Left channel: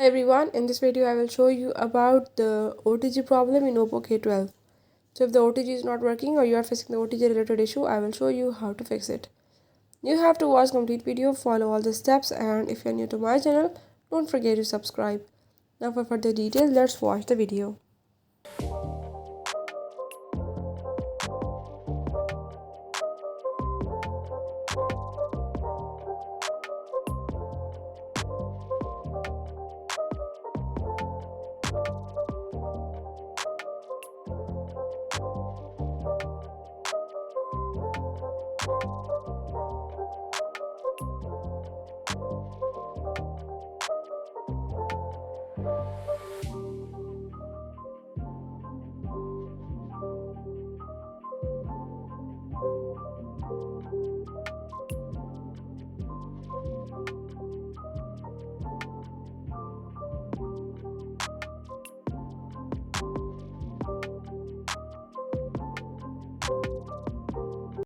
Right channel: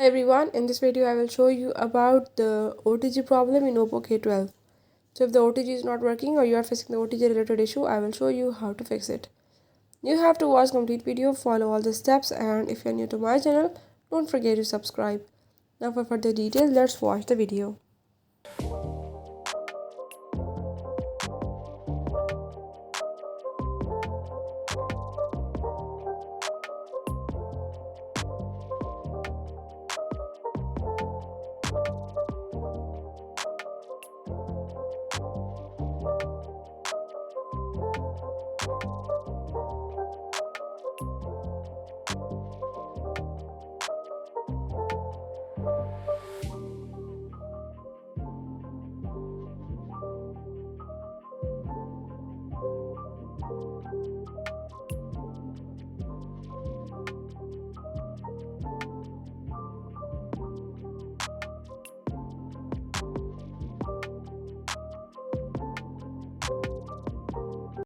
Hi everyone, in this video I will show you about the OTG problem in Oppo K12. So if the OTG is not working or you are facing the OTG related issue, I will show you how to fix it. You have to watch complete video, follow all the steps, and if you are new to my channel, don't forget to subscribe. Now for further details, let's watch the video.